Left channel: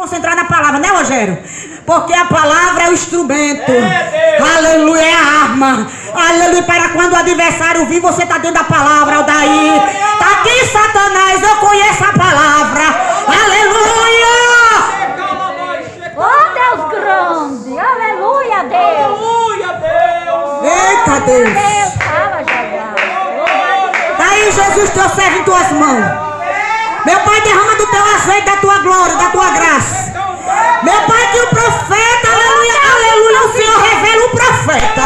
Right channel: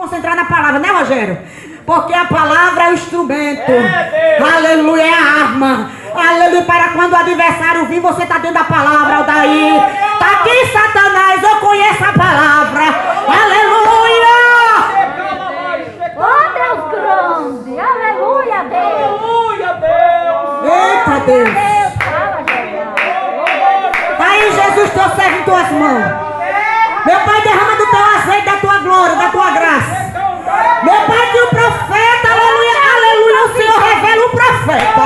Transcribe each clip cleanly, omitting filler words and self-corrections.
Concentrar na palavra, né, Rogério? Porque a palavra é o instrumento. Aleluia, é a arma. Aleluia, para quando o adversário vir, você está dentro da palavra, Aldair. Está aqui, Satanás, eu conheço a palavra. Aleluia. Oh, Deus grande. Aleluia, Deus. Aleluia, Deus. Eita, Deus. Deus, fala, Jesus. Daí, Jesus, teu servo em tuas mãos. Meu Pai, derrama do teu azeite, da tua glória, da tua graça. Meu Pai, que o profeta, aleluia, aleluia, o Senhor revela o profeta,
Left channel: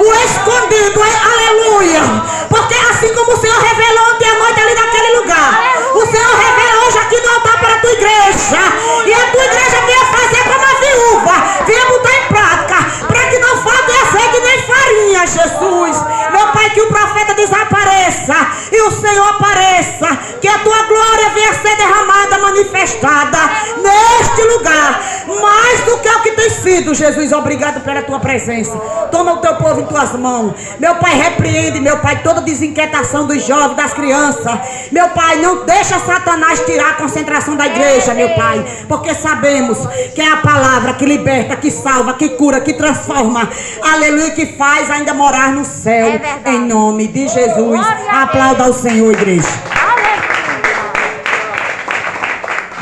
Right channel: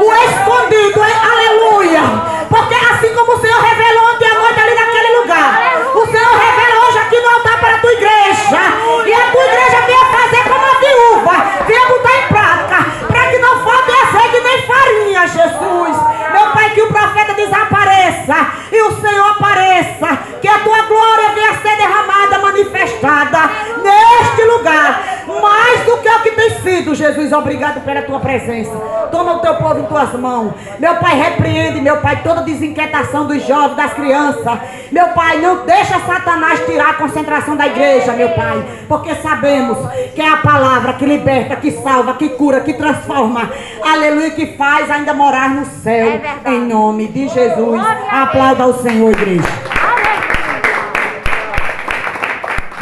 o escondido, aleluia. Porque assim como o Senhor revelou ontem à noite ali naquele lugar, o Senhor revela hoje aqui no altar para a tua igreja. E a tua igreja venha fazer como a viúva, venha botar em prática, para que não falte azeite nem farinha, Jesus. Meu Pai, que o profeta desapareça e o Senhor apareça, que a tua glória venha ser derramada, manifestada neste lugar, mais do que o que tem sido. Jesus, obrigado pela tua presença. Toma o teu povo em tuas mãos. Meu Pai, repreende, meu Pai, toda desinquietação dos jovens, das crianças. Meu Pai, não deixa Satanás tirar a concentração da igreja, meu Pai, porque sabemos que é a palavra que liberta, que salva, que cura, que transforma, aleluia, que faz ainda morar no céu, em nome de Jesus. Aplauda ao Senhor, igreja.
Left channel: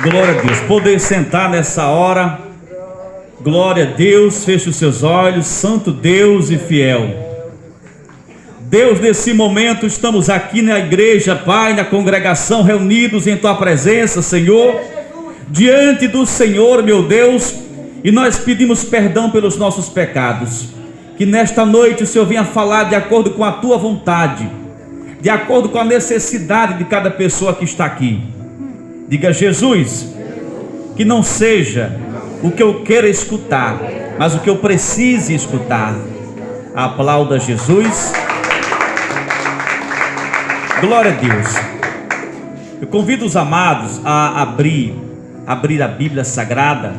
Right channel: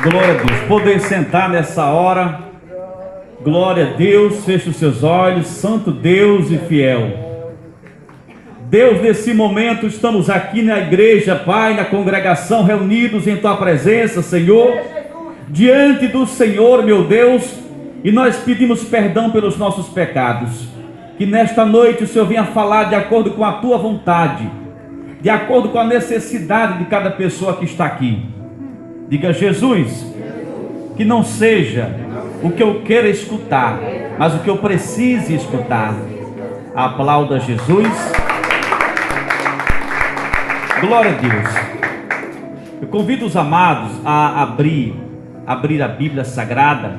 Glória a Deus. Poder sentar nessa hora. Glória a Deus. Feche os seus olhos. Santo Deus e fiel Deus, nesse momento estamos aqui na igreja, Pai, na congregação, reunidos em Tua presença, Senhor, diante do Senhor, meu Deus, e nós pedimos perdão pelos nossos pecados. Que nesta noite o Senhor venha falar de acordo com a Tua vontade, de acordo com a necessidade de cada pessoa que está aqui. Diga: Jesus, que não seja o que eu queira escutar, mas o que eu precise escutar. Aplauda Jesus. Glória a Deus. Eu convido os amados a abrir a Bíblia Sagrada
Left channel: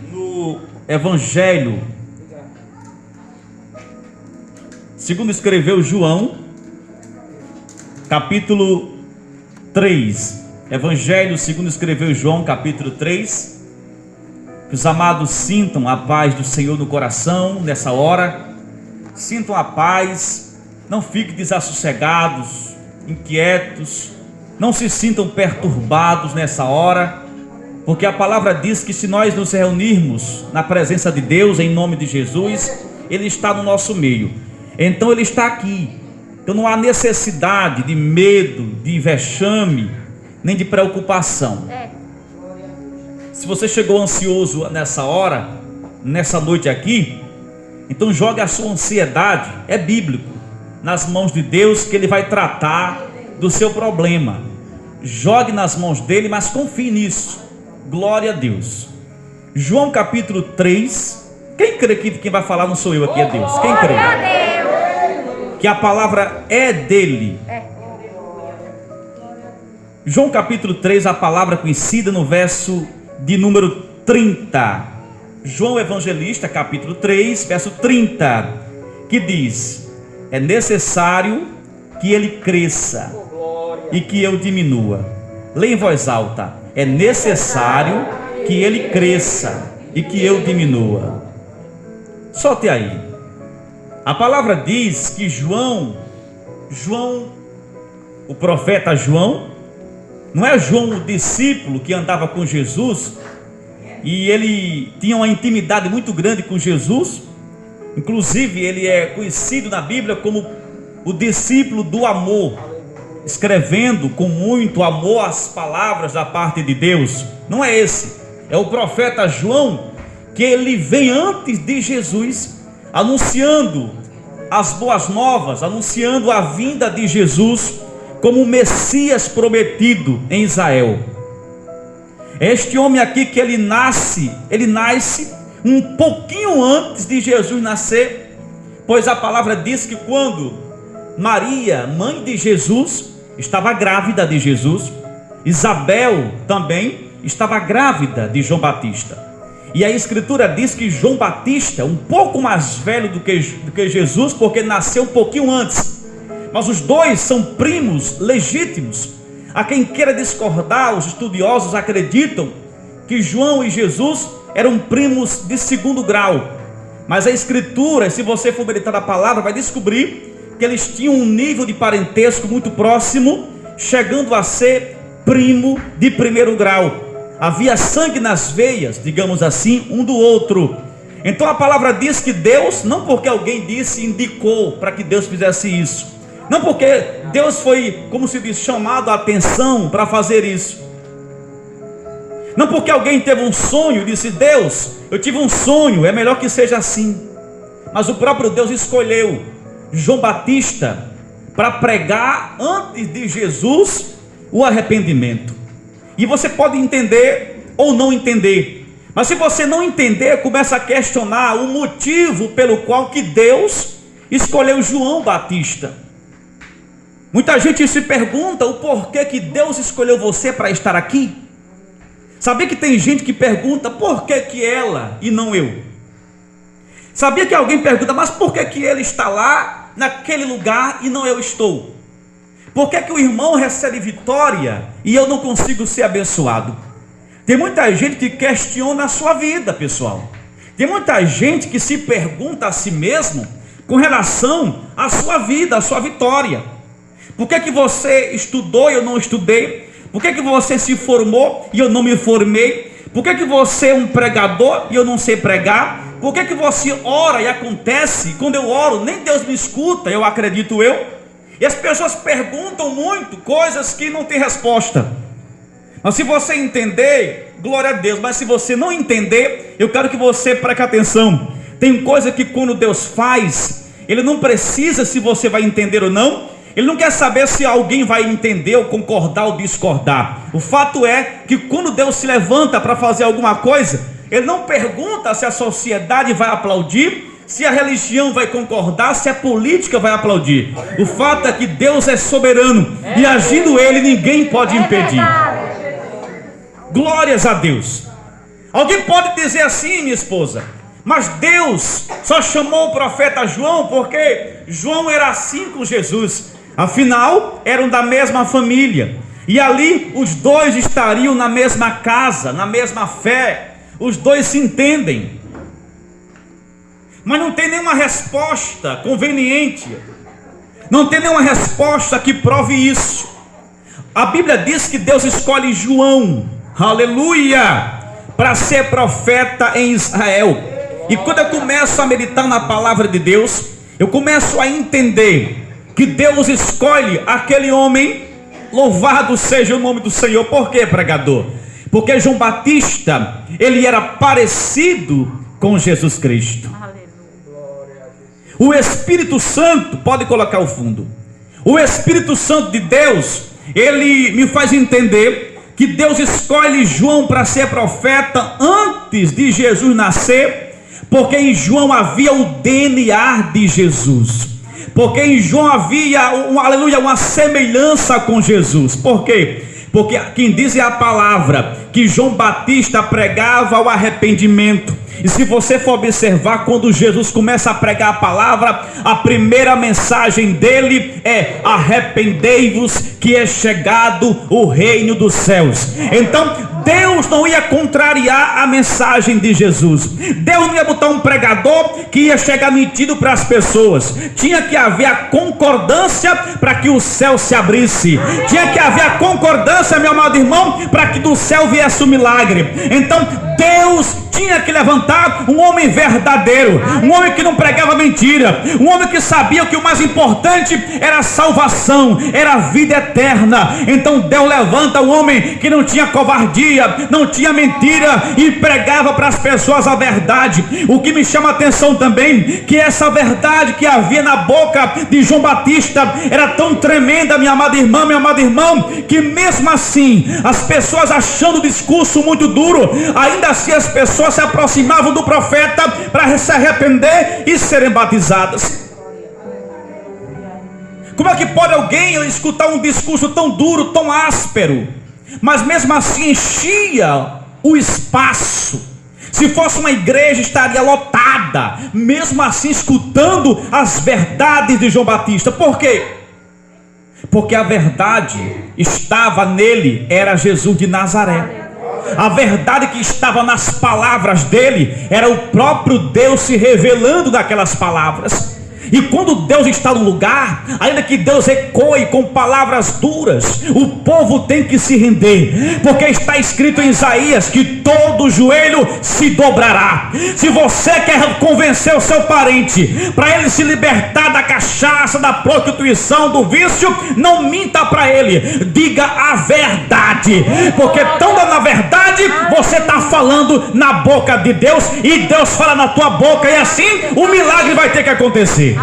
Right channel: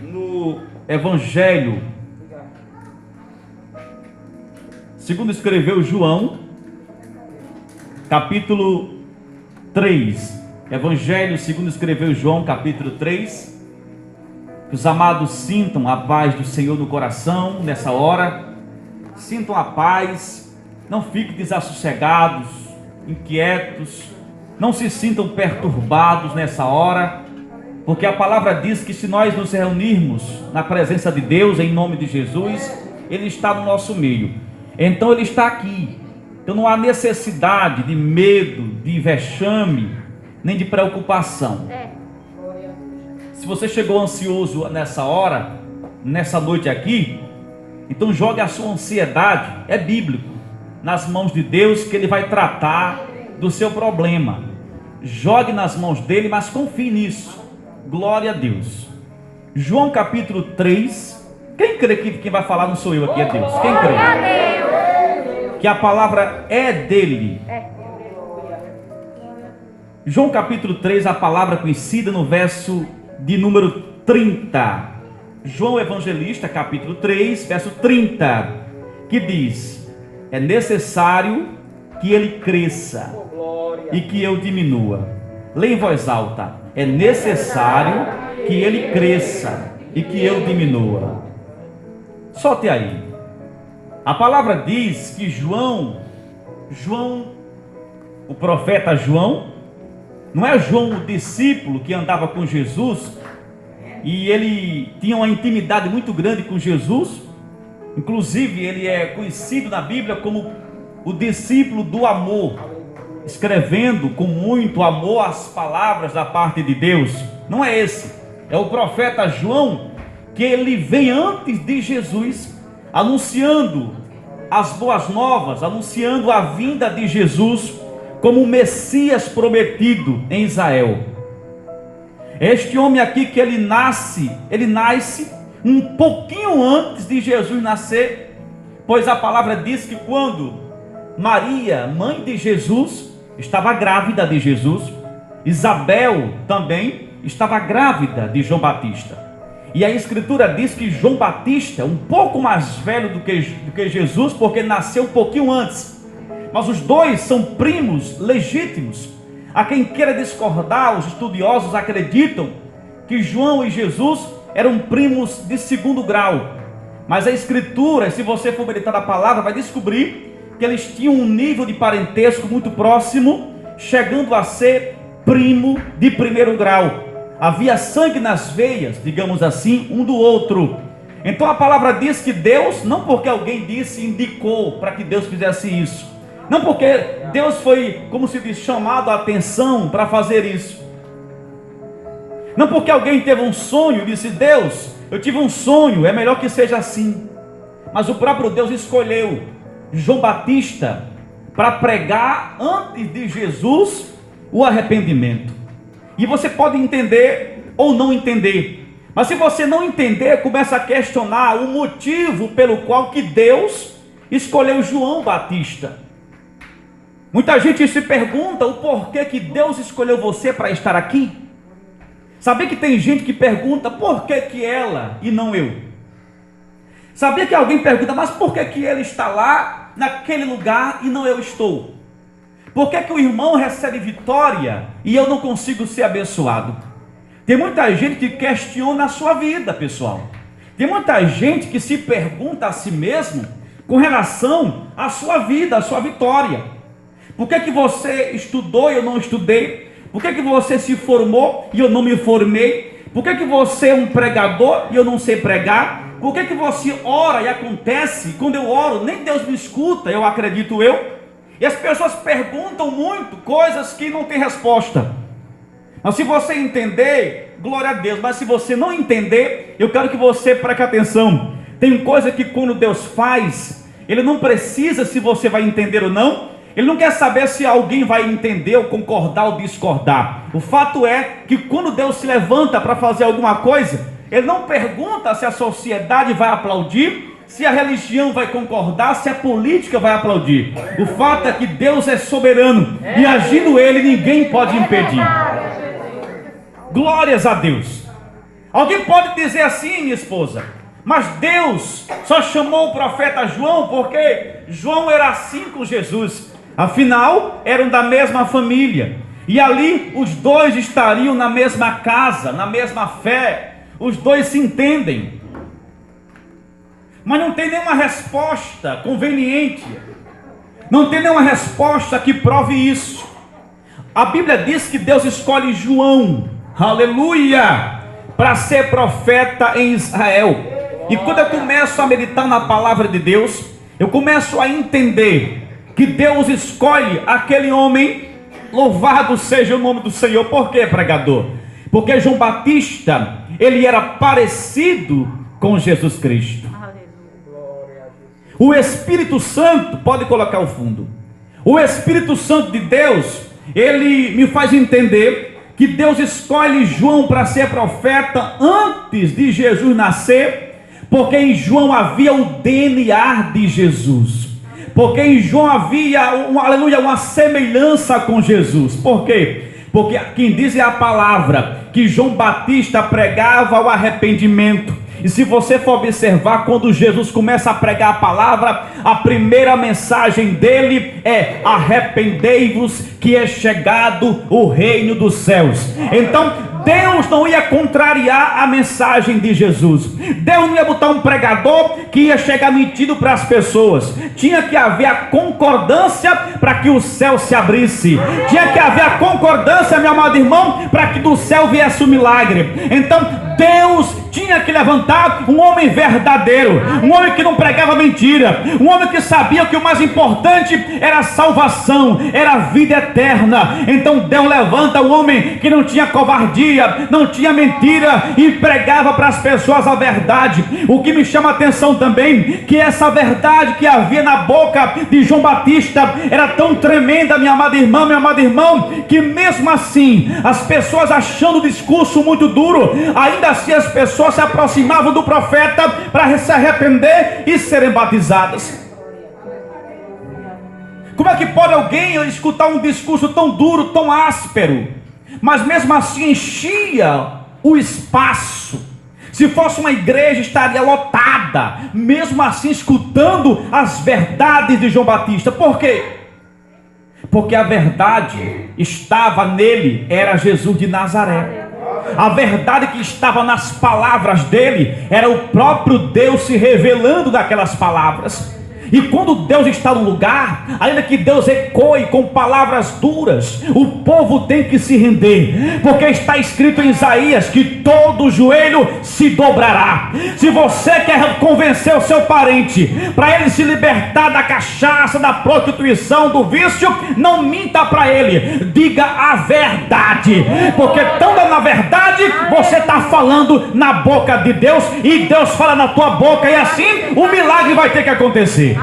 no Evangelho segundo escreveu João, capítulo 3. Evangelho segundo escreveu João, capítulo 3. Que os amados sintam a paz do Senhor no coração nessa hora. Sintam a paz. Não fiquem desassossegados, inquietos. Não se sintam perturbados nessa hora, porque a palavra diz que se nós nos reunirmos na presença de Deus, em nome de Jesus, Ele está no nosso meio. Então Ele está aqui. Então não há necessidade de medo, de vexame, nem de preocupação. Se você chegou ansioso nessa hora, nessa noite aqui, então jogue a sua ansiedade, é bíblico, nas mãos de Deus, que Ele vai tratar do seu problema. Jogue nas mãos dEle, mas confie nisso. Glória a Deus. João capítulo 3. Quem crê que quem vai falar não sou eu aqui, é Deus? Quem crê? Que a palavra é dEle. João capítulo 3, a palavra conhecida no verso de número 30. João Evangelista, capítulo 3, verso 30, que diz: é necessário que ele cresça e que eu diminua. Leia em voz alta: é necessário que ele cresça e que eu diminua. Solte aí. A palavra diz que João, o profeta João, não é João o discípulo que andava com Jesus, e ele tinha uma intimidade muito grande com Jesus. Inclusive ele é conhecido na Bíblia como o discípulo do amor, escrevendo com muito amor as palavras da parte de Deus. Não é esse, é o profeta João, que ele vem antes de Jesus, anunciando as boas novas, anunciando a vinda de Jesus como o Messias prometido em Israel. Este homem aqui que ele nasce um pouquinho antes de Jesus nascer, pois a palavra diz que quando Maria, mãe de Jesus, estava grávida de Jesus, Isabel também estava grávida de João Batista. E a escritura diz que João Batista, um pouco mais velho do que Jesus, porque ele nasceu um pouquinho antes, mas os dois são primos legítimos. A quem queira discordar, os estudiosos acreditam que João e Jesus eram primos de segundo grau. Mas a Escritura, se você for meditar a palavra, vai descobrir que eles tinham um nível de parentesco muito próximo, chegando a ser primo de primeiro grau. Havia sangue nas veias, digamos assim, um do outro. Então a palavra diz que Deus, não porque alguém disse, indicou para que Deus fizesse isso, não porque Deus foi, como se diz, chamado a atenção para fazer isso, não porque alguém teve um sonho e disse: Deus, eu tive um sonho, é melhor que seja assim. Mas o próprio Deus escolheu João Batista para pregar antes de Jesus o arrependimento. E você pode entender ou não entender, mas se você não entender, começa a questionar o motivo pelo qual que Deus escolheu João Batista. Muita gente se pergunta o porquê que Deus escolheu você para estar aqui. Sabia que tem gente que pergunta por que ela e não eu? Sabia que alguém pergunta, mas por que ele está lá, naquele lugar, e não eu estou? Por que o irmão recebe vitória e eu não consigo ser abençoado? Tem muita gente que questiona a sua vida, pessoal. Tem muita gente que se pergunta a si mesmo com relação à sua vida, à sua vitória. Por que você estudou e eu não estudei? Por que você se formou e eu não me formei? Por que você é um pregador e eu não sei pregar? Por que você ora e acontece? Quando eu oro, nem Deus me escuta, eu acredito eu. E as pessoas perguntam muito coisas que não tem resposta. Mas se você entender, glória a Deus. Mas se você não entender, eu quero que você preste atenção. Tem coisa que quando Deus faz, Ele não precisa se você vai entender ou não. Ele não quer saber se alguém vai entender ou concordar ou discordar. O fato é que quando Deus se levanta para fazer alguma coisa, Ele não pergunta se a sociedade vai aplaudir, se a religião vai concordar, se a política vai aplaudir. O fato é que Deus é soberano e agindo Ele, ninguém pode impedir. Glórias a Deus. Alguém pode dizer assim, minha esposa, mas Deus só chamou o profeta João porque João era assim com Jesus. Afinal, eram da mesma família, e ali os dois estariam na mesma casa, na mesma fé, os dois se entendem. Mas não tem nenhuma resposta conveniente, não tem nenhuma resposta que prove isso. A Bíblia diz que Deus escolhe João, aleluia, para ser profeta em Israel. E quando eu começo a meditar na palavra de Deus, eu começo a entender que Deus escolhe aquele homem. Louvado seja o nome do Senhor. Por quê, pregador? Porque João Batista, ele era parecido com Jesus Cristo. O Espírito Santo, pode colocar o fundo, o Espírito Santo de Deus, ele me faz entender que Deus escolhe João para ser profeta antes de Jesus nascer, porque em João havia o DNA de Jesus. Porque em João havia, aleluia, uma semelhança com Jesus. Por quê? Porque quem diz é a palavra que João Batista pregava o arrependimento. E se você for observar, quando Jesus começa a pregar a palavra, a primeira mensagem dele é: arrependei-vos, que é chegado o reino dos céus. Então Deus não ia contrariar a mensagem de Jesus. Deus não ia botar um pregador que ia chegar mentindo para as pessoas. Tinha que haver a concordância para que o céu se abrisse. Tinha que haver a concordância, meu amado irmão, para que do céu viesse o milagre. Então Deus tinha que levantar um homem verdadeiro, um homem que não pregava mentira, um homem que sabia que o mais importante era a salvação, era a vida eterna. Então Deus levanta um homem que não tinha covardia, não tinha mentira e pregava para as pessoas a verdade. O que me chama a atenção também, que essa verdade que havia na boca de João Batista era tão tremenda, minha amada irmã, meu amado irmão, que mesmo assim, as pessoas achando o discurso muito duro, ainda assim as pessoas se aproximavam do profeta para se arrepender e serem batizadas. Como é que pode alguém escutar um discurso tão duro, tão áspero, mas mesmo assim enchia o espaço? Se fosse uma igreja, estaria lotada, mesmo assim escutando as verdades de João Batista. Por quê? Porque a verdade estava nele, era Jesus de Nazaré. A verdade que estava nas palavras dele era o próprio Deus se revelando naquelas palavras. E quando Deus está no lugar, ainda que Deus ecoe com palavras duras, o povo tem que se render, porque está escrito em Isaías que todo joelho se dobrará. Se você quer convencer o seu parente para ele se libertar da cachaça, da prostituição, do vício, não minta para ele, diga a verdade, porque tão na verdade você está falando na boca de Deus, e Deus fala na tua boca, e assim o milagre vai ter que acontecer.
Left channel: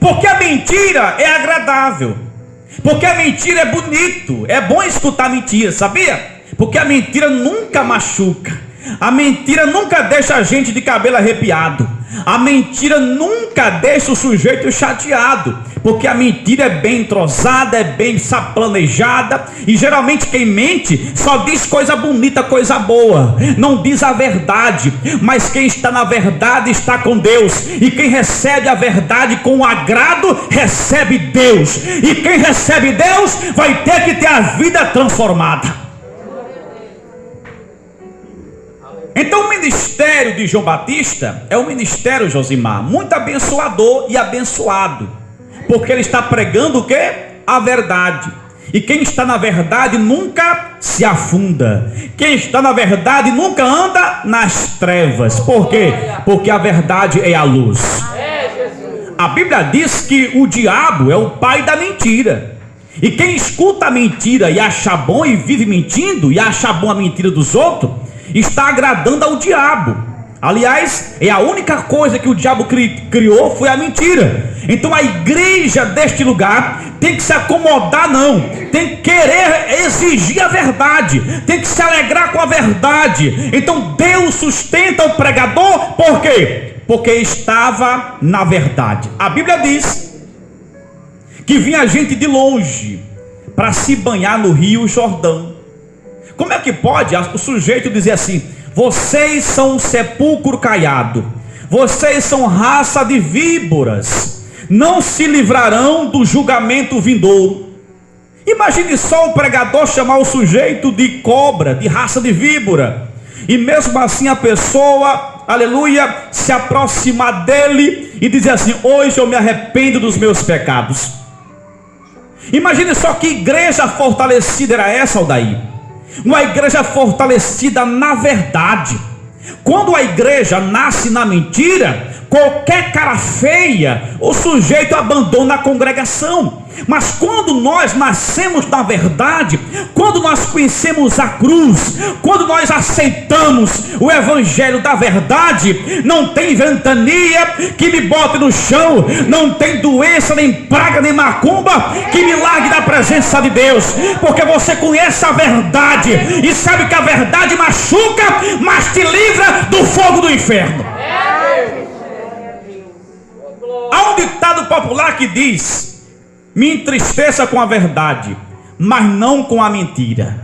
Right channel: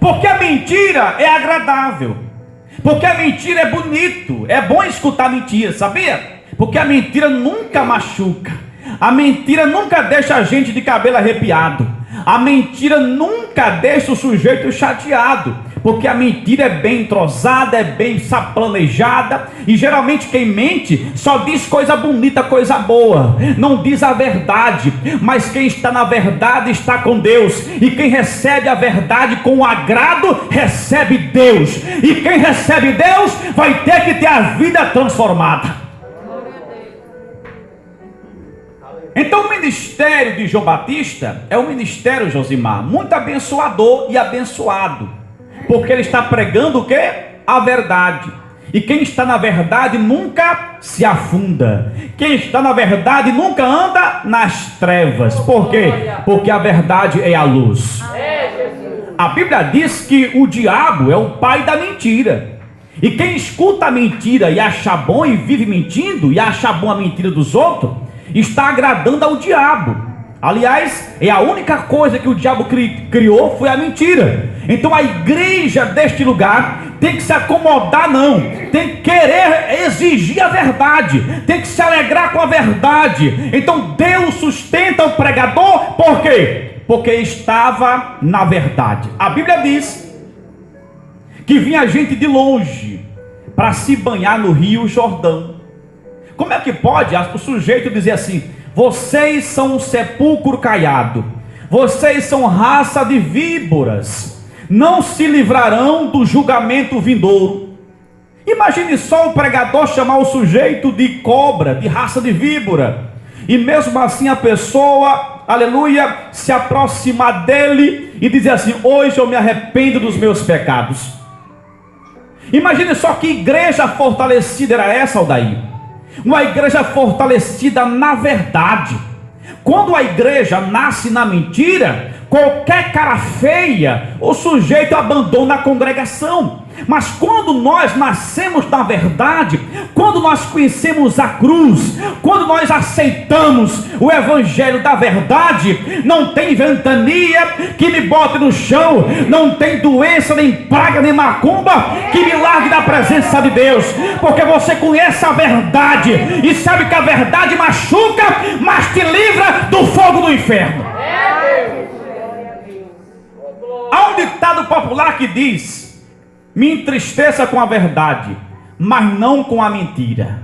Porque a mentira é agradável, porque a mentira é bonito, é bom escutar mentira, sabia? Porque a mentira nunca machuca, a mentira nunca deixa a gente de cabelo arrepiado, a mentira nunca deixa o sujeito chateado, porque a mentira é bem entrosada, é bem planejada, e geralmente quem mente só diz coisa bonita, coisa boa, não diz a verdade. Mas quem está na verdade está com Deus, e quem recebe a verdade com agrado recebe Deus, e quem recebe Deus vai ter que ter a vida transformada. Então o ministério de João Batista é um ministério, Josimar, muito abençoador e abençoado, porque ele está pregando o quê? A verdade. E quem está na verdade nunca se afunda. Quem está na verdade nunca anda nas trevas. Por quê? Porque a verdade é a luz. A Bíblia diz que o diabo é o pai da mentira. E quem escuta a mentira e acha bom e vive mentindo, e acha bom a mentira dos outros, está agradando ao diabo. Aliás, é a única coisa que o diabo criou foi a mentira. Então a igreja deste lugar tem que se acomodar, não, tem que querer exigir a verdade, tem que se alegrar com a verdade. Então Deus sustenta o pregador, por quê? Porque estava na verdade. A Bíblia diz que vinha gente de longe para se banhar no rio Jordão. Como é que pode o sujeito dizer assim: vocês são um sepulcro caiado, vocês são raça de víboras, não se livrarão do julgamento vindouro? Imagine só o pregador chamar o sujeito de cobra, de raça de víbora, e mesmo assim a pessoa, aleluia, se aproximar dele e dizer assim: hoje eu me arrependo dos meus pecados. Imagine só que igreja fortalecida era essa, Aldair. Uma igreja fortalecida na verdade. Quando a igreja nasce na mentira, qualquer cara feia, o sujeito abandona a congregação. Mas quando nós nascemos na verdade, quando nós conhecemos a cruz, quando nós aceitamos o evangelho da verdade, não tem ventania que me bote no chão, não tem doença, nem praga, nem macumba que me largue da presença de Deus, porque você conhece a verdade e sabe que a verdade machuca, mas te livra do fogo do inferno. Há um ditado popular que diz: me entristeça com a verdade, mas não com a mentira.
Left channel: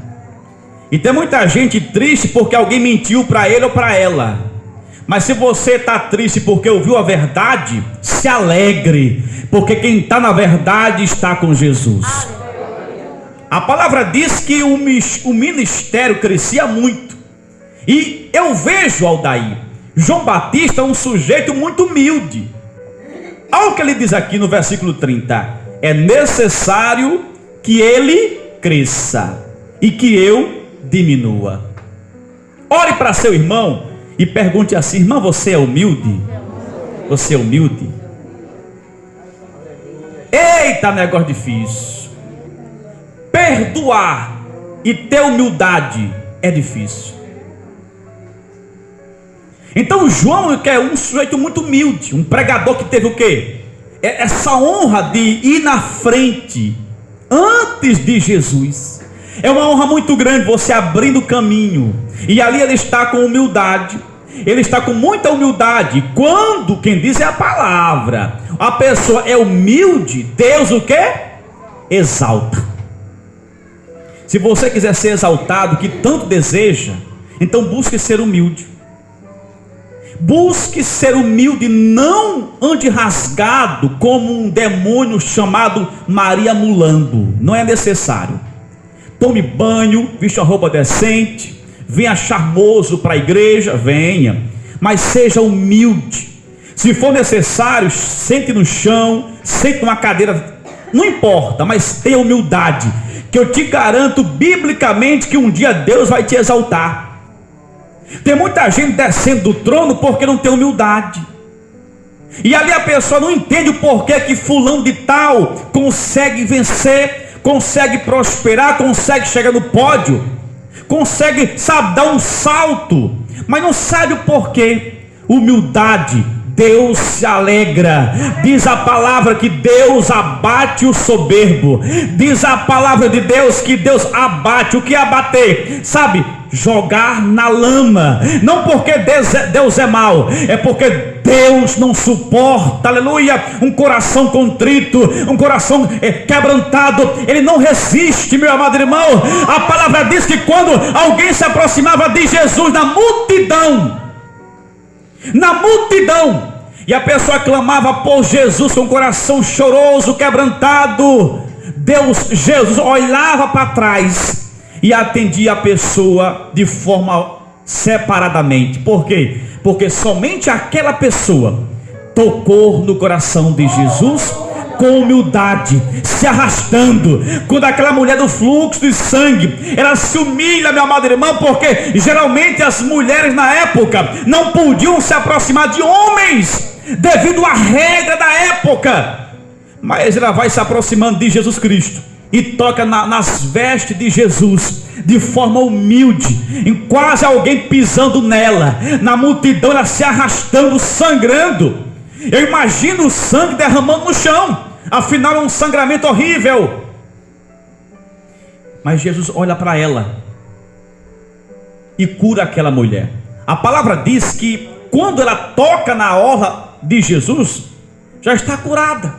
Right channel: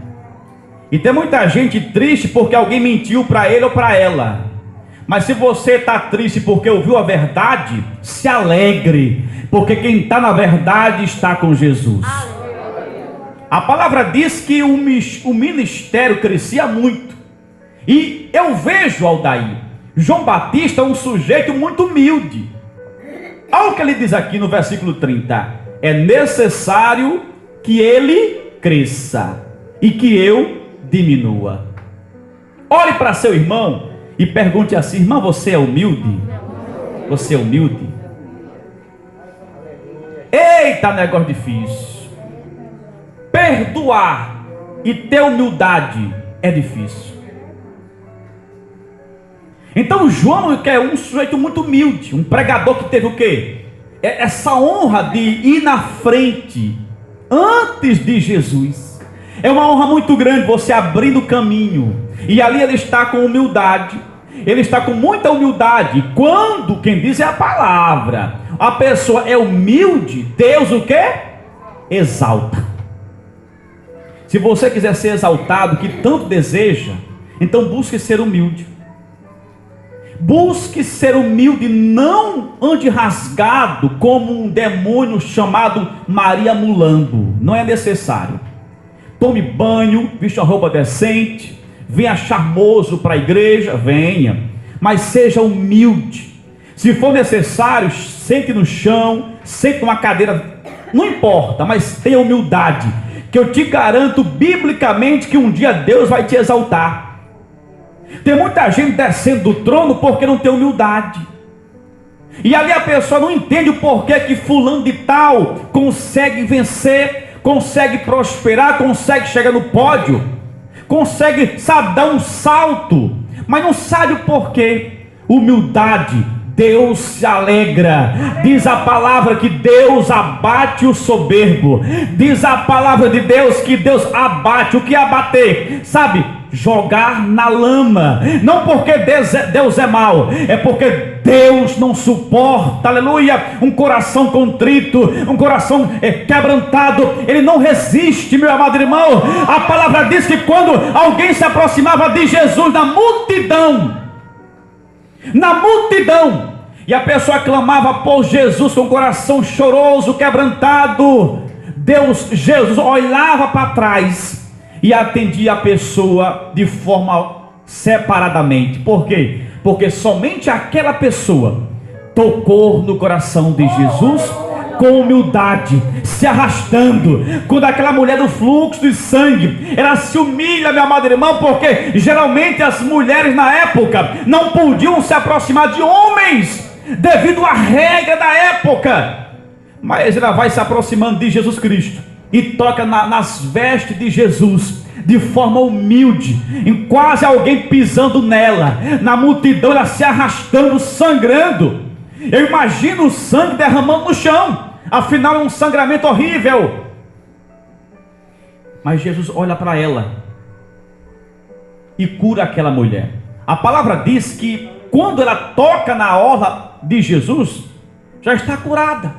E tem muita gente triste porque alguém mentiu para ele ou para ela. Mas se você está triste porque ouviu a verdade, se alegre, porque quem está na verdade está com Jesus. A palavra diz que o ministério crescia muito. E eu vejo, Aldair, João Batista um sujeito muito humilde. Olha o que ele diz aqui no versículo 30: é necessário que ele cresça e que eu diminua. Olhe para seu irmão e pergunte assim: irmão, você é humilde? Você é humilde? Eita, negócio difícil. Perdoar e ter humildade é difícil. Então João é um sujeito muito humilde, um pregador que teve o quê? Essa honra de ir na frente antes de Jesus. É uma honra muito grande você abrindo o caminho, e ali ele está com humildade, ele está com muita humildade. Quando quem diz é a palavra, a pessoa é humilde, Deus o quê? Exalta. Se você quiser ser exaltado, que tanto deseja, então busque ser humilde. Busque ser humilde, não ande rasgado como um demônio chamado Maria Mulambo. Não é necessário. tome banho, vista uma roupa decente, venha charmoso para a igreja, venha, mas seja humilde. Se for necessário, sente no chão, sente numa cadeira, não importa, mas tenha humildade, que eu te garanto biblicamente que um dia Deus vai te exaltar. Tem muita gente descendo do trono porque não tem humildade, e ali a pessoa não entende o porquê que fulano de tal consegue vencer, consegue prosperar, consegue chegar no pódio, consegue, sabe, dar um salto, mas não sabe o porquê. Humildade, Deus se alegra. Diz a palavra que Deus abate o soberbo. Diz a palavra de Deus que Deus abate. O que é abater? Sabe, jogar na lama. Não porque Deus é mau, é porque Deus não suporta, aleluia, um coração contrito, um coração quebrantado. Ele não resiste, meu amado irmão. A palavra diz que quando alguém se aproximava de Jesus na multidão, e a pessoa clamava por Jesus com o coração choroso, quebrantado, Jesus olhava para trás e atendia a pessoa de forma separadamente. Por quê? Porque somente aquela pessoa tocou no coração de Jesus com humildade, se arrastando. Quando aquela mulher do fluxo de sangue, ela se humilha, meu amado irmão, porque geralmente as mulheres na época não podiam se aproximar de homens devido à regra da época, mas ela vai se aproximando de Jesus Cristo e toca nas vestes de Jesus de forma humilde, em quase alguém pisando nela, na multidão, ela se arrastando, sangrando. Eu imagino o sangue derramando no chão, afinal é um sangramento horrível. Mas Jesus olha para ela e cura aquela mulher. A palavra diz que quando ela toca na orla de Jesus, já está curada.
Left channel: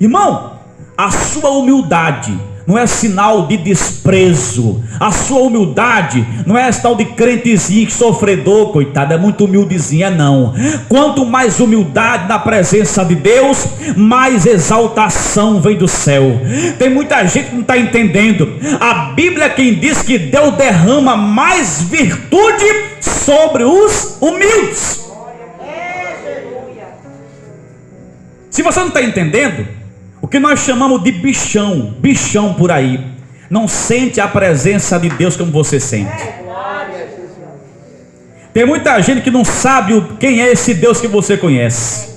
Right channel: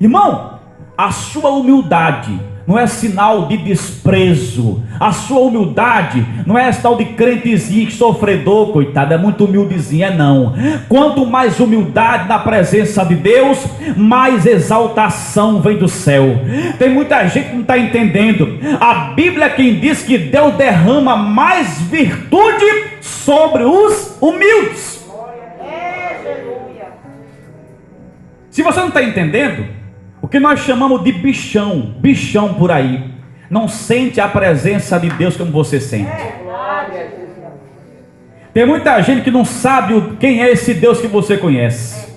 Irmão, a sua humildade não é sinal de desprezo. A sua humildade não é sinal de crentezinho, sofredor, coitado, é muito humildezinha, não. Quanto mais humildade na presença de Deus, mais exaltação vem do céu. Tem muita gente que não está entendendo. A Bíblia é quem diz que Deus derrama mais virtude sobre os humildes. Se você não está entendendo, o que nós chamamos de bichão por aí, não sente a presença de Deus como você sente. Tem muita gente que não sabe quem é esse Deus que você conhece.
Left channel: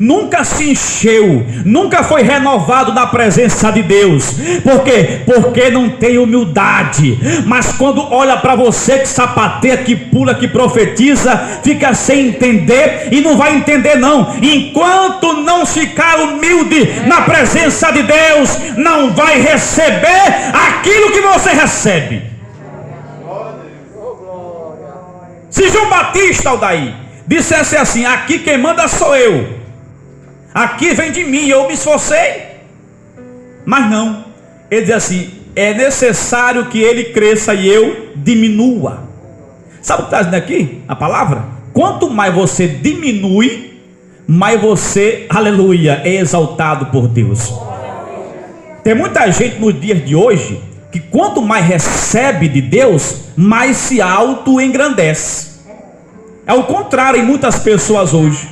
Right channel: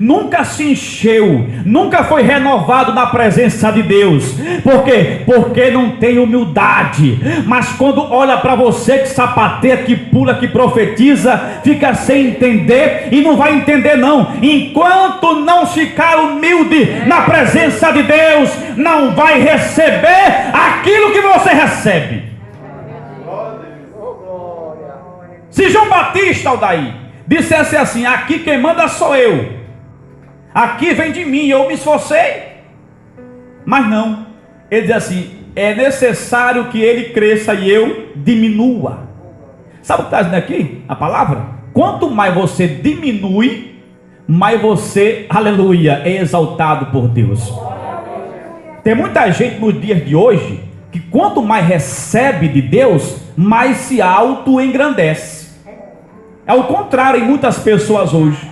Nunca se encheu, nunca foi renovado na presença de Deus. Por quê? Porque não tem humildade. Mas quando olha para você que sapateia, que pula, que profetiza, fica sem entender e não vai entender não. Enquanto não ficar humilde na presença de Deus, não vai receber aquilo que você recebe. Se João Batista, Aldair, dissesse assim: aqui quem manda sou eu, aqui vem de mim, eu me esforcei. Mas não, ele diz assim: é necessário que ele cresça e eu diminua. Sabe o que está dizendo aqui? A palavra: quanto mais você diminui, mais você, aleluia, é exaltado por Deus. Tem muita gente nos dias de hoje que quanto mais recebe de Deus, mais se auto-engrandece. É o contrário em muitas pessoas hoje.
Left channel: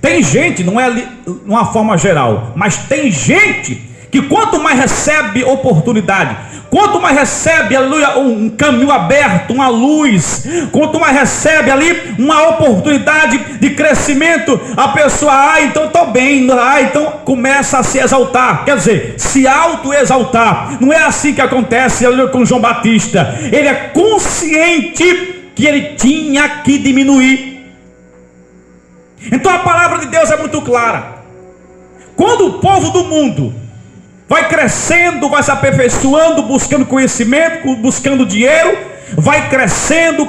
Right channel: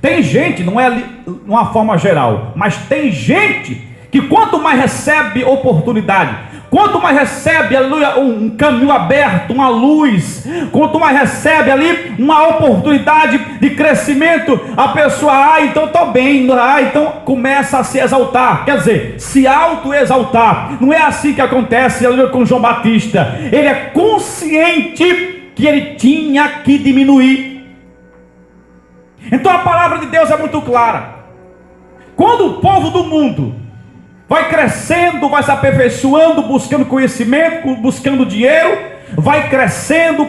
Tem gente, não é de uma forma geral, mas tem gente que quanto mais recebe oportunidade, quanto mais recebe, aleluia, um caminho aberto, uma luz, quanto mais recebe ali uma oportunidade de crescimento, a pessoa, então estou bem, então começa a se exaltar, quer dizer, se auto-exaltar. Não é assim que acontece, aleluia, com João Batista. Ele é consciente que ele tinha que diminuir. Então a palavra de Deus é muito clara. Quando o povo do mundo vai crescendo, vai se aperfeiçoando, buscando conhecimento, buscando dinheiro, vai crescendo,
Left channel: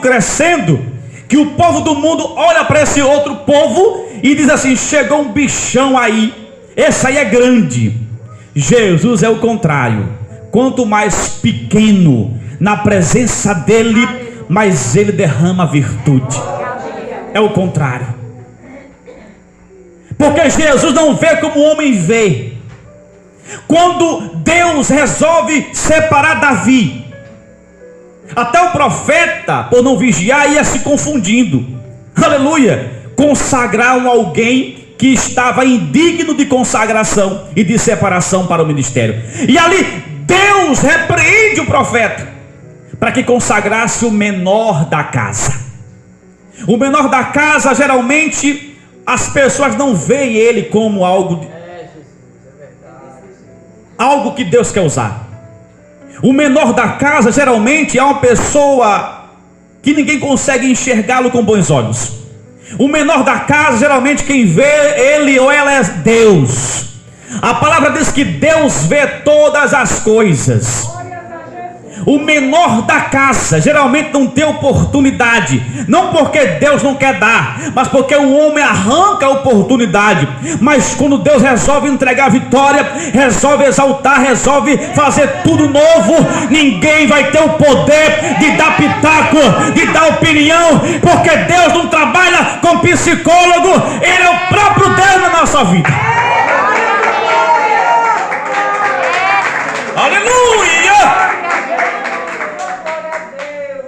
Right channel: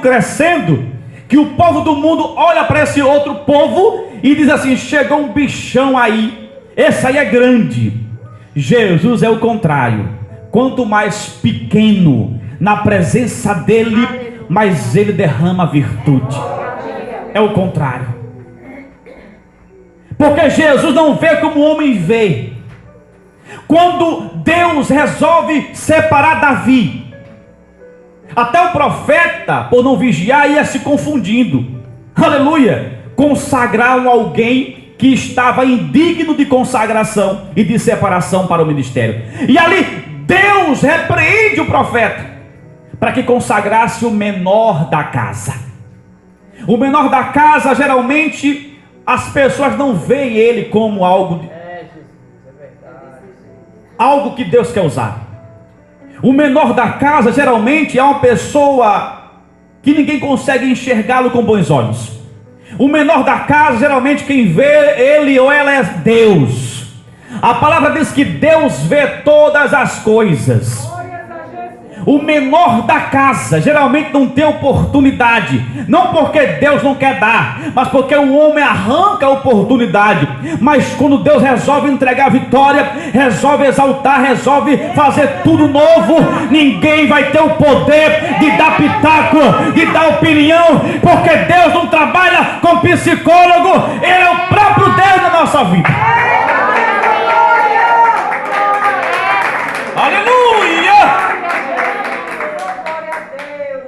que o povo do mundo olha para esse outro povo e diz assim: chegou um bichão aí, esse aí é grande. Jesus é o contrário. Quanto mais pequeno na presença dele, mais ele derrama virtude. É o contrário. Porque Jesus não vê como o homem vê. Quando Deus resolve separar Davi, Até o profeta, por não vigiar, ia se confundindo. Aleluia! Consagraram alguém que estava indigno de consagração e de separação para o ministério. E ali Deus repreende o profeta para que consagrasse o menor da casa. O menor da casa, geralmente, as pessoas não veem ele como algo que Deus quer usar. O menor da casa, geralmente, é uma pessoa que ninguém consegue enxergá-lo com bons olhos. O menor da casa, geralmente, quem vê ele ou ela é Deus. A palavra diz que Deus vê todas as coisas. O menor da casa geralmente não tem oportunidade, não porque Deus não quer dar, mas porque o homem arranca a oportunidade. Mas quando Deus resolve entregar a vitória, resolve exaltar, resolve fazer tudo novo, ninguém vai ter o poder de dar pitaco, de dar opinião, porque Deus não trabalha com psicólogo, Ele é o próprio Deus na nossa vida. Aleluia!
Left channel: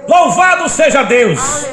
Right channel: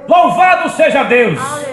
Louvado seja Deus.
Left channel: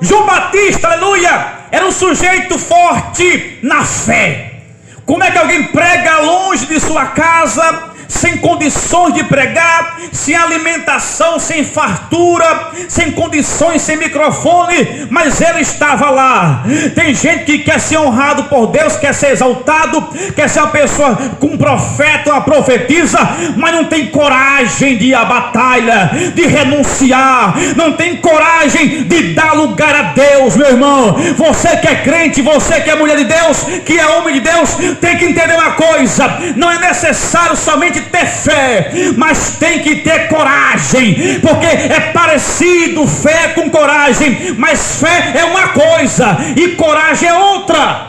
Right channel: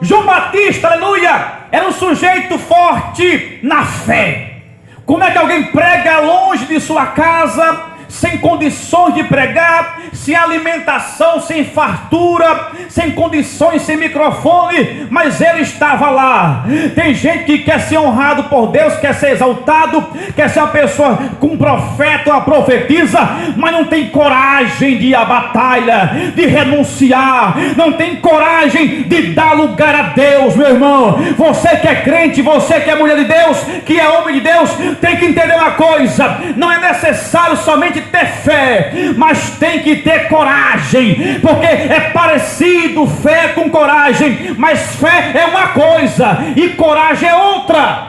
João Batista, aleluia, era um sujeito forte na fé. Como é que alguém prega longe de sua casa, sem condições de pregar, sem alimentação, sem fartura, sem condições, sem microfone, mas ele estava lá? Tem gente que quer ser honrado por Deus, quer ser exaltado, quer ser uma pessoa com um profeta, uma profetisa, mas não tem coragem de ir à batalha, de renunciar, não tem coragem de dar lugar a Deus. Meu irmão, você que é crente, você que é mulher de Deus, que é homem de Deus, tem que entender uma coisa: não é necessário somente ter fé, mas tem que ter coragem, porque é parecido fé com coragem, mas fé é uma coisa e coragem é outra.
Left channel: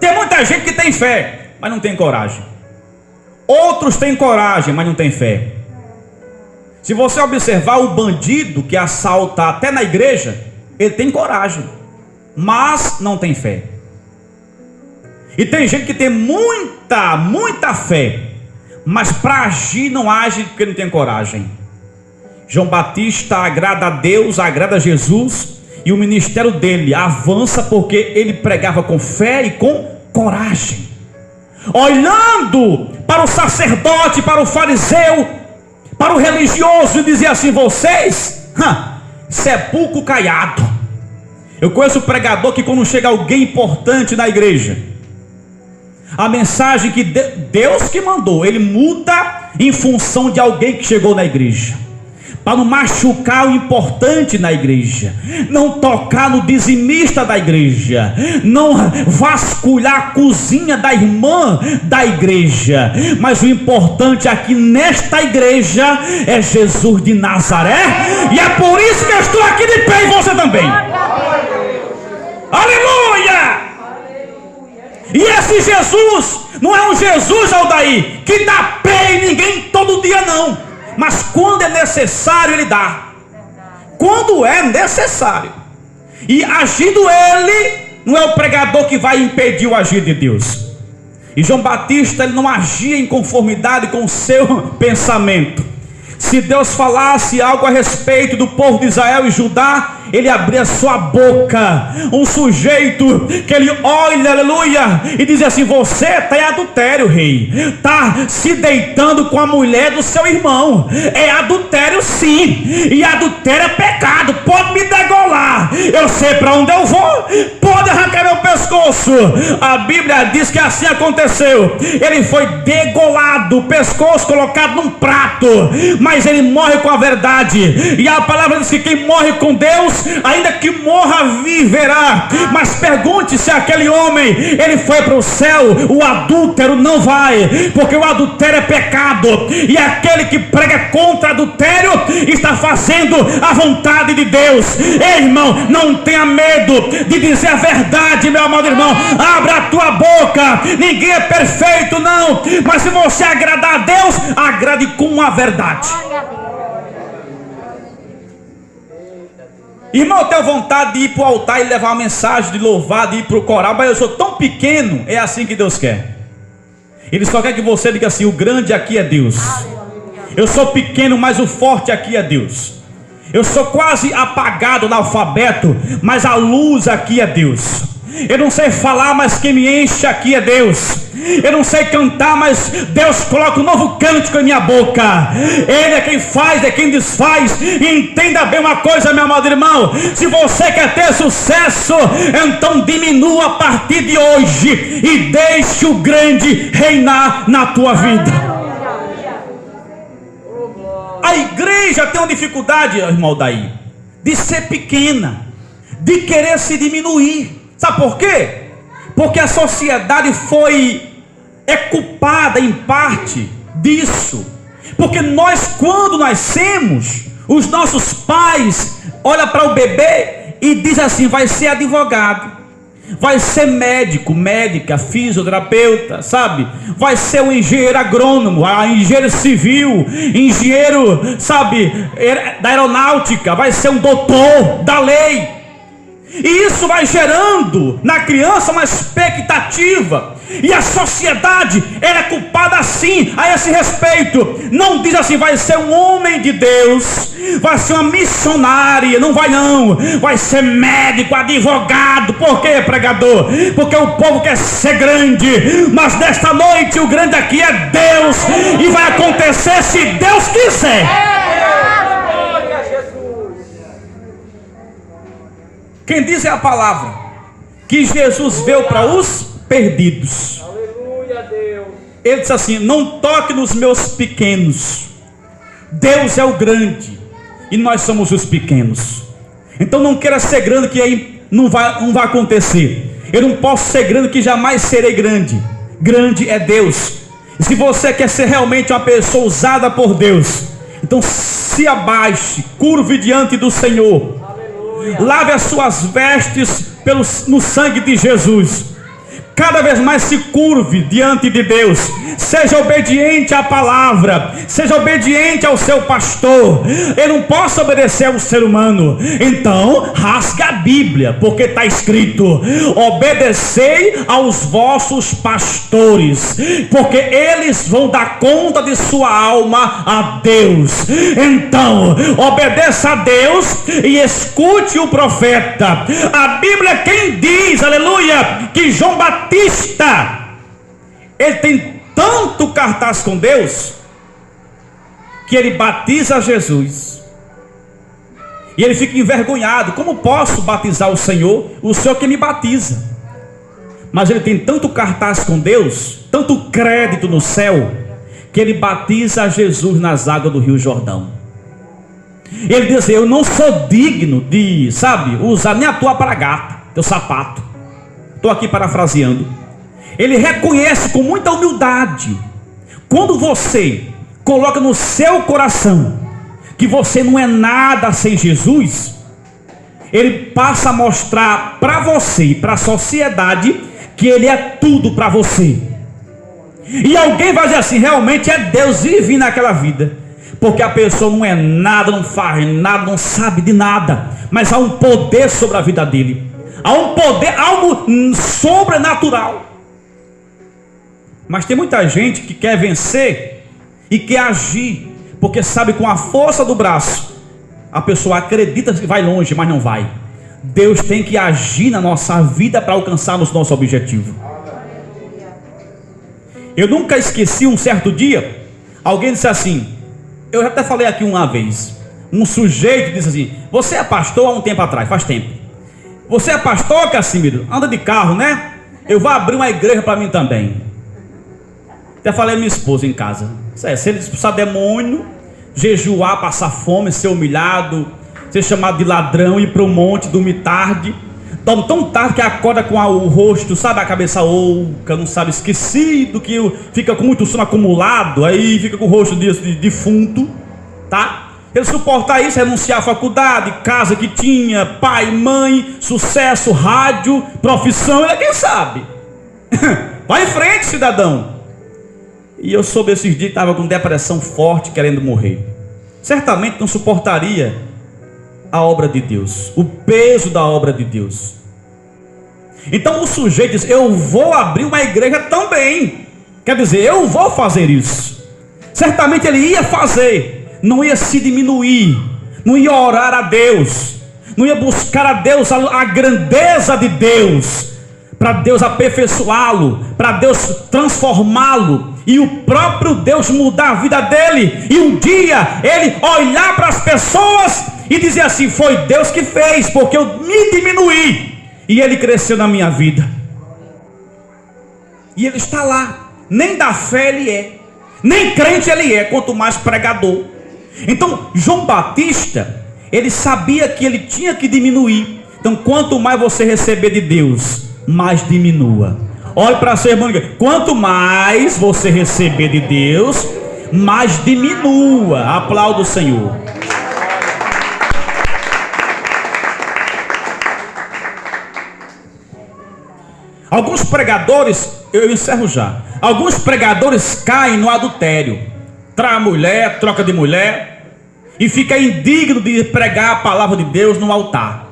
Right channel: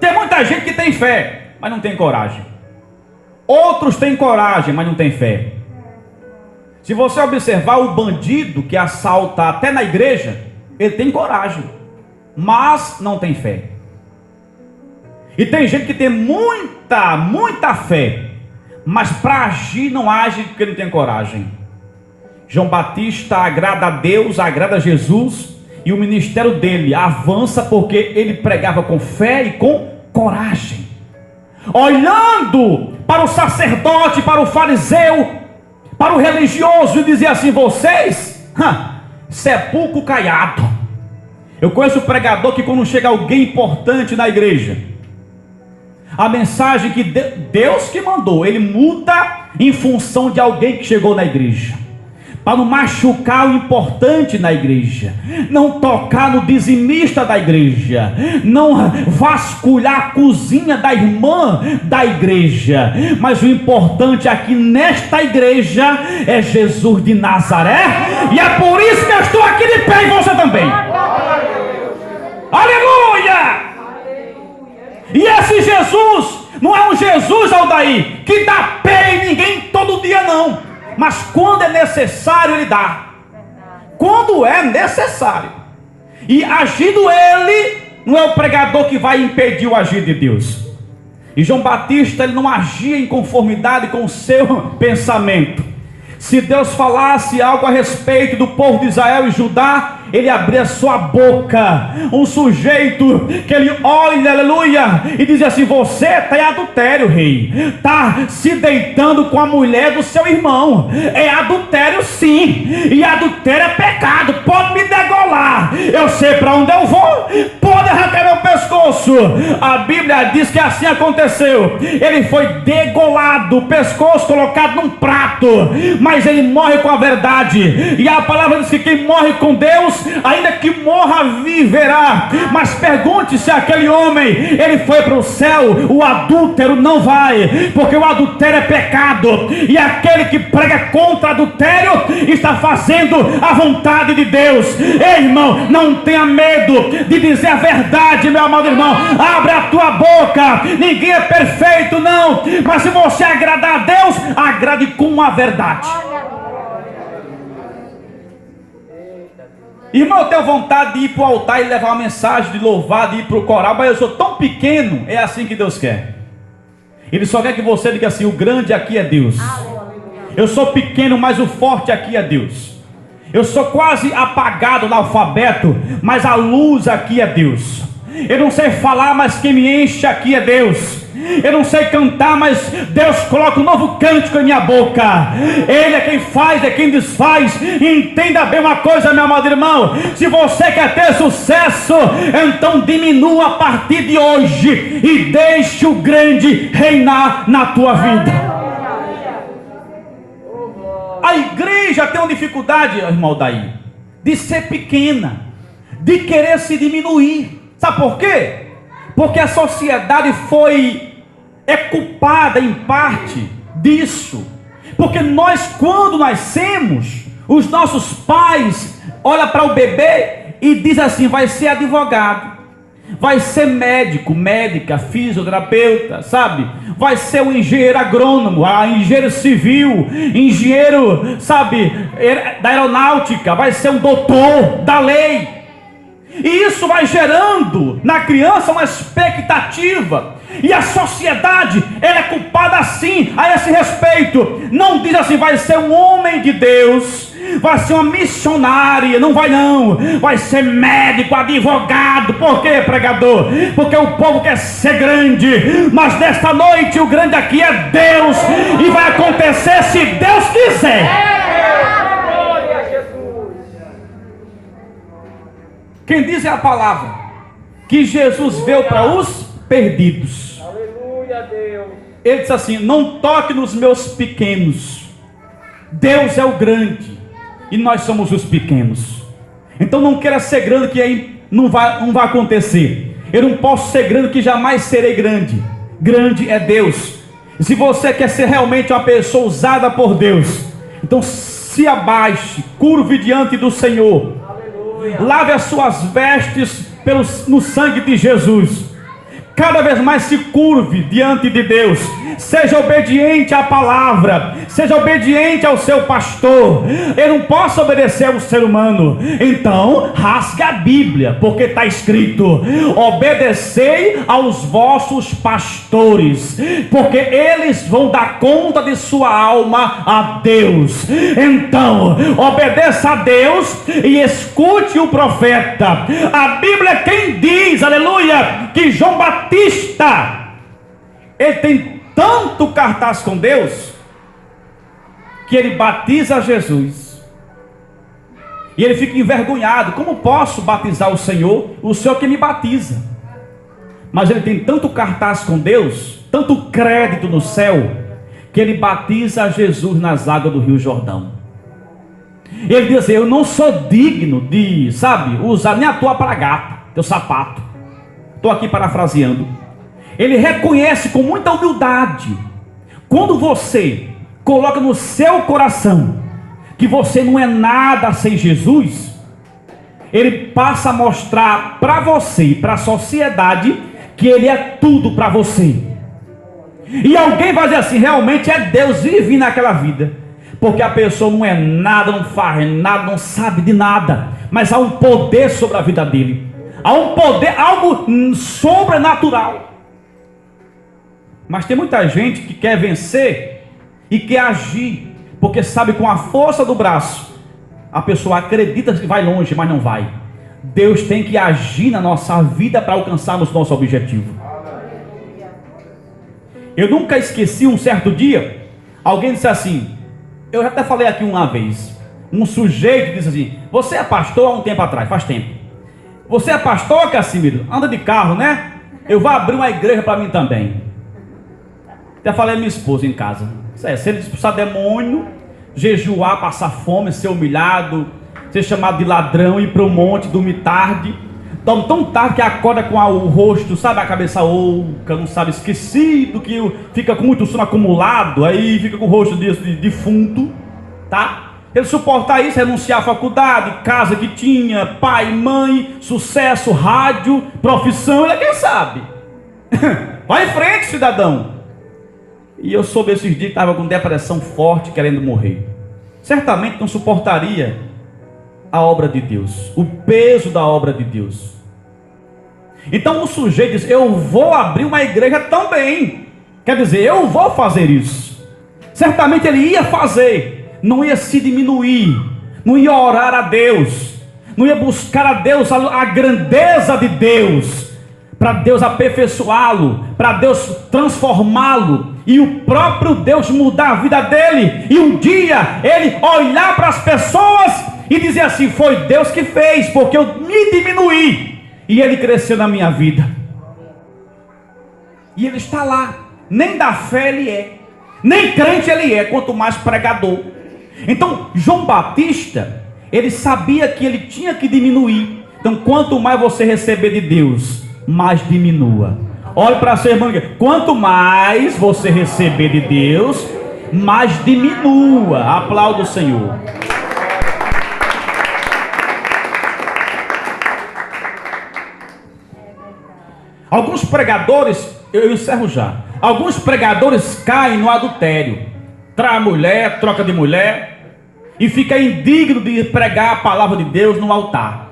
Tem muita gente que tem fé, mas não tem coragem. Outros têm coragem, mas não tem fé. Se você observar o bandido que assalta até na igreja, ele tem coragem, mas não tem fé. E tem gente que tem muita fé, mas para agir não age porque não tem coragem. João Batista agrada a Deus, agrada a Jesus, e o ministério dele avança porque ele pregava com fé e com coragem. Olhando para o sacerdote, para o fariseu, para o religioso, e dizia assim: vocês, sepulcro caiado. Eu conheço um pregador que quando chega alguém importante na igreja, a mensagem que Deus que mandou, ele muda em função de alguém que chegou na igreja, para não machucar o importante na igreja, não tocar no dizimista da igreja, não vasculhar a cozinha da irmã da igreja. Mas o importante aqui nesta igreja é Jesus de Nazaré, e é por isso que eu estou aqui de pé, e você também. Aleluia! E esse Jesus não é um Jesus, Aldair, que dá pé em ninguém todo dia, não. Mas quando é necessário, ele dá. Quando é necessário. E agindo ele, não é o pregador que vai impedir o agir de Deus. E João Batista, ele não agia em conformidade com o seu pensamento. Se Deus falasse algo a respeito do povo de Israel e Judá, ele abria sua boca. Um sujeito que ele olha, aleluia, e diz assim: você está em adultério, rei, está se deitando com a mulher do seu irmão. É adultério sim, e adultério é pecado. Pode me degolar, eu sei para onde eu vou, pode arrancar meu pescoço. A Bíblia diz que assim aconteceu. Ele foi degolado, o pescoço colocado num prato, mas ele morre com a verdade. E a palavra diz que quem morre com Deus, ainda que morra, viverá. Mas pergunte se aquele homem, ele foi para o céu. O adúltero não vai, porque o adultério é pecado, e aquele que prega contra adultério está fazendo a vontade de Deus. Ei, irmão, não tenha medo de dizer a verdade, meu amado irmão. Abra a tua boca. Ninguém é perfeito, não, mas se você agradar a Deus, agrade com a verdade. Irmão, eu tenho vontade de ir para o altar e levar uma mensagem de louvado, de ir para o coral, mas eu sou tão pequeno. É assim que Deus quer. Ele só quer que você diga assim: o grande aqui é Deus. Eu sou pequeno, mas o forte aqui é Deus. Eu sou quase apagado no alfabeto, mas a luz aqui é Deus. Eu não sei falar, mas quem me enche aqui é Deus. Eu não sei cantar, mas Deus coloca um novo cântico em minha boca. Ele é quem faz, é quem desfaz. Entenda bem uma coisa, meu amado irmão: se você quer ter sucesso, então diminua a partir de hoje e deixe o grande reinar na tua vida. A igreja tem uma dificuldade, irmão Daí, de ser pequena, de querer se diminuir. Sabe por quê? Porque a sociedade é culpada em parte disso. Porque nós, quando nascemos, os nossos pais olham para o bebê e dizem assim: vai ser advogado, vai ser médico, médica, fisioterapeuta, sabe? Vai ser um engenheiro agrônomo, engenheiro civil, engenheiro, sabe, da aeronáutica, vai ser um doutor da lei. E isso vai gerando na criança uma expectativa. E a sociedade, ela é culpada assim, a esse respeito. Não diz assim: vai ser um homem de Deus, vai ser uma missionária. Não vai não. Vai ser médico, advogado. Por quê, pregador? Porque o povo quer ser grande. Mas nesta noite o grande aqui é Deus. E vai acontecer se Deus quiser. Quem diz é a palavra que Jesus veio para os perdidos. Aleluia, Deus. Ele disse assim: não toque nos meus pequenos. Deus é o grande e nós somos os pequenos. Então não queira ser grande, que aí não vai acontecer. Eu não posso ser grande, que jamais serei grande. Grande é Deus. E se você quer ser realmente uma pessoa usada por Deus, então se abaixe, curve diante do Senhor. Lave as suas vestes no sangue de Jesus. Cada vez mais se curve diante de Deus. Seja obediente à palavra. Seja obediente ao seu pastor. Eu não posso obedecer ao ser humano. Então rasga a Bíblia, porque está escrito: obedecei aos vossos pastores, porque eles vão dar conta de sua alma a Deus. Então obedeça a Deus e escute o profeta. A Bíblia é quem diz, aleluia, que João Batista, ele tem tanto cartaz com Deus, que ele batiza Jesus e ele fica envergonhado: como posso batizar o Senhor que me batiza? Mas ele tem tanto cartaz com Deus, tanto crédito no céu, que ele batiza Jesus nas águas do Rio Jordão. Ele diz: eu não sou digno de, sabe, usar nem a tua pragata, teu sapato. Estou aqui parafraseando. Ele reconhece com muita humildade. Quando você coloca no seu coração que você não é nada sem Jesus, ele passa a mostrar para você e para a sociedade que ele é tudo para você. E alguém vai dizer assim: realmente é Deus vive naquela vida. Porque a pessoa não é nada, não faz nada, não sabe de nada, mas há um poder sobre a vida dele. Há um poder, algo sobrenatural. Mas tem muita gente que quer vencer e quer agir, porque sabe, com a força do braço, a pessoa acredita que vai longe, mas não vai. Deus tem que agir na nossa vida para alcançarmos nosso objetivo. Eu nunca esqueci um certo dia, alguém disse assim, eu já até falei aqui uma vez, um sujeito disse assim: você é pastor há um tempo atrás, faz tempo. Você é pastor, Cassimiro? Anda de carro, né? Eu vou abrir uma igreja para mim também. Até falei a minha esposa em casa: se ele expulsar demônio, jejuar, passar fome, ser humilhado, ser chamado de ladrão, ir para o monte, dormir tarde, dorme tão tarde que acorda com o rosto, sabe, a cabeça oca, não sabe, esquecido, que fica com muito sono acumulado, aí fica com o rosto de defunto, tá? Ele suportar isso, renunciar à faculdade, casa que tinha, pai, mãe, sucesso, rádio, profissão, ele é quem sabe. Vai em frente, cidadão. E eu soube esses dias que estava com depressão forte, querendo morrer. Certamente não suportaria a obra de Deus, o peso da obra de Deus. Então o sujeito diz: eu vou abrir uma igreja também. Quer dizer, eu vou fazer isso. certamente ele ia fazer, não ia se diminuir, não ia orar a Deus, não ia buscar a Deus, a grandeza de Deus, para Deus aperfeiçoá-lo, para Deus transformá-lo, e o próprio Deus mudar a vida dele, e um dia ele olhar para as pessoas e dizer assim: foi Deus que fez, porque eu me diminuí, e ele cresceu na minha vida. E ele está lá, nem da fé ele é, nem crente ele é, quanto mais pregador. Então João Batista, ele sabia que ele tinha que diminuir. Então quanto mais você receber de Deus, mais diminua. Olhe para seu irmão, quanto mais você receber de Deus, mais diminua. Aplauda o Senhor. Alguns pregadores, eu encerro já. Alguns pregadores caem no adultério, trai a mulher, troca de mulher, e fica indigno de pregar a palavra de Deus no altar.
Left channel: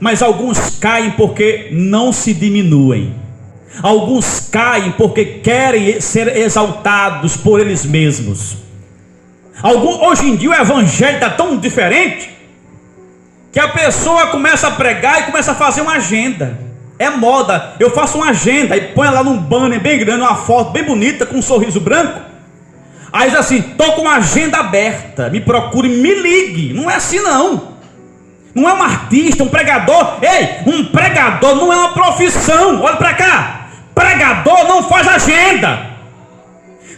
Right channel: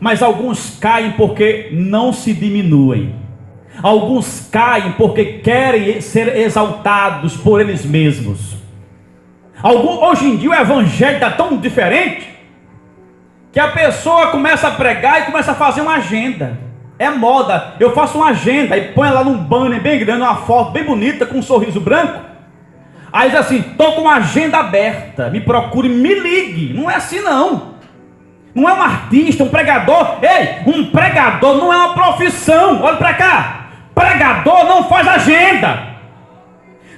Mas alguns caem porque não se diminuem. Alguns caem porque querem ser exaltados por eles mesmos. Hoje em dia o evangelho está tão diferente que a pessoa começa a pregar e começa a fazer uma agenda. É moda. Eu faço uma agenda e põe lá num banner bem grande, uma foto bem bonita com um sorriso branco. Aí diz assim: estou com uma agenda aberta, me procure, me ligue. Não é assim não. Não é um artista, um pregador. Ei, um pregador não é uma profissão. Olha para cá. Pregador não faz agenda.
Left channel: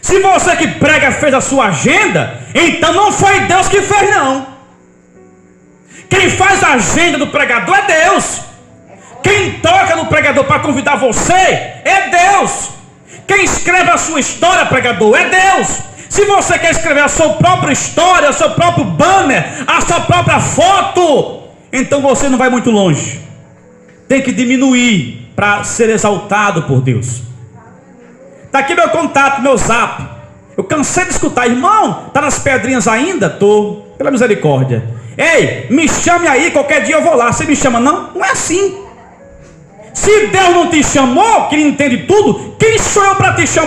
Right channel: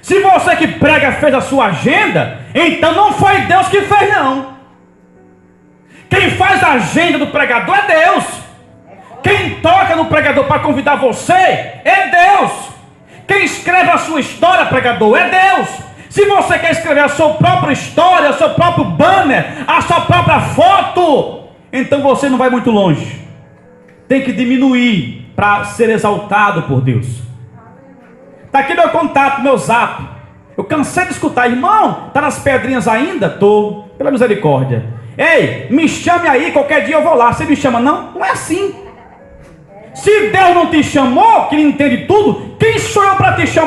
Se você que prega fez a sua agenda, então não foi Deus que fez não. Quem faz a agenda do pregador é Deus. Quem toca no pregador para convidar você é Deus. Quem escreve a sua história, pregador, é Deus. Se você quer escrever a sua própria história, o seu próprio banner, a sua própria foto, então você não vai muito longe. Tem que diminuir para ser exaltado por Deus. Está aqui meu contato, meu zap. Eu cansei de escutar: irmão, está nas pedrinhas ainda? Estou, pela misericórdia. Ei, me chame aí, qualquer dia eu vou lá. Você me chama? Não, não é assim. Se Deus não te chamou, que Ele entende tudo, quem sou eu para te chamar?